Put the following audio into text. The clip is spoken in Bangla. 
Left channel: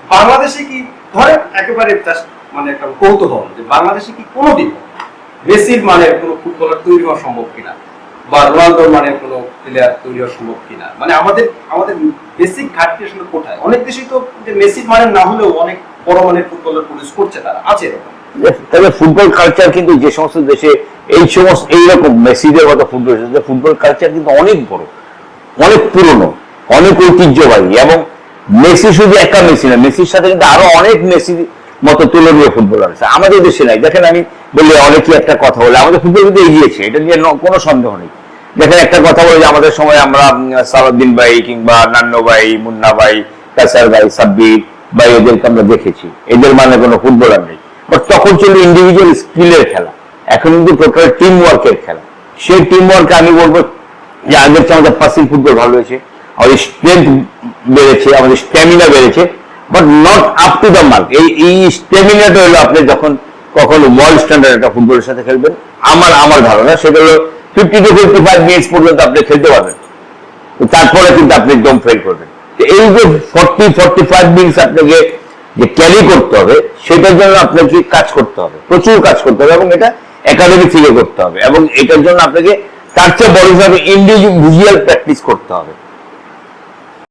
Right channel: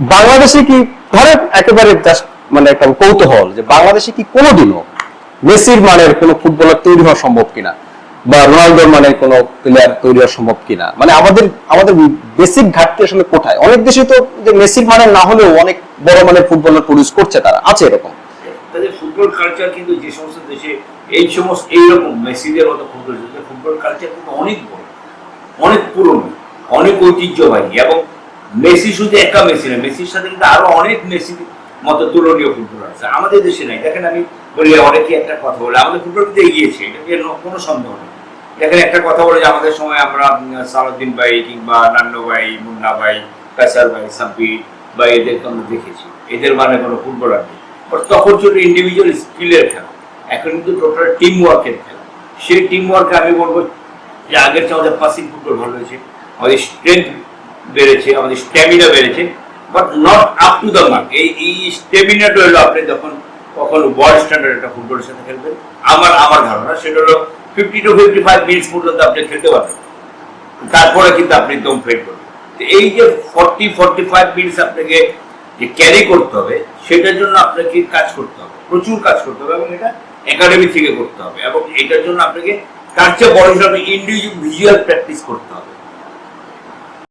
বাংলাদেশে কি, ধরেন একেবারে জাস্ট মানে একটা কৌতূহল যে বাংলাদেশে কি কোনোদিনও মেসির মানের কোনো ফুটবলার তৈরি হওয়া সম্ভব কিনা? বা রোনালদোর মানের কোনো প্লেয়ার তৈরি হওয়া সম্ভব কিনা? মানে আমাদের আমাদের বেসিক ঘাটতি আসলে কোথায়? অনেক দেশে তো যে মেসির মানের না হলেও অনেক বড় মানের ফুটবলার প্রডিউস করছে তারা। আছে এরকম? তবে ফুটবল কালচার কিন্তু যে সমস্ত দেশে এই সমস্ত, এইরকম মেসিদের মতো ফুটবল ফুটবল কালচার কিন্তু অনেক বড়, অনেক পুরনো, অনেক ঐতিহ্যবাহী এবং মেসি শুধু একা মেসি না, মেসির সাথে কিন্তু আরও অনেক মেসি মতো তুলনীয় ফুটবলার আছে। আমাদের দেশে নাই। দেখেন আমি বললে অনেকই একটা কথা বলে, আমাদের ফুটবল কিন্তু এগিয়েছে, এটা নিয়ে কোনো সন্দেহ নেই। দেখেন একটা কথা বলে যে, আমাদের সময় আমরা সালাউদ্দিন ভাই কিংবা নান্ন ভাই, মুন্না ভাই, কাসার ভাই, সাব্বির ভাই, এদেরকে আমরা দেখেছি। এদের মানে কোনো ফুটবলার নেই। বাট তখন ছিল ইন্ডিভিজুয়াল স্কিলের খেলা। এখন কিন্তু টোটাল টিম ওয়ার্কের খেলা। সেই টিম ওয়ার্কে আমি বলব, যে আগের চেয়ে আমাদের পাসিং ফুটবল ভালো হয়েছে। আমাদের স্ট্রেংথ বেড়েছে, আমাদের স্ট্যামিনা বেড়েছে but not up to the mark এই এই স্ট্যামিনাটা হলো আপনি যখন কখনো ওয়ার্ল্ড স্ট্যান্ডার্ড একটা ফুটবলের সাথে খেলবেন, আমার আমার ধারণা সেটা হলো fifty to fifty five minutes পর্যন্ত আপনি খেলতে পারবেন। তো তারপরে কিন্তু আপনি একদম ফেল করবেন। তো এই যে ফর্টি ফর্টি ফাইভ মিনিটস আপনাকে যে ক্যারি করতে হবে, সেটার জন্য আপনাকে কাজ করতে হবে, প্রচুর কাজ করতে হবে এবং এটা একাডেমি থেকে করতে হবে এবং এটার জন্য আপনাকে তার চেয়ে বড় হিসাবে ইন্ডিভিজুয়াল প্র্যাকটিস করতে হবে।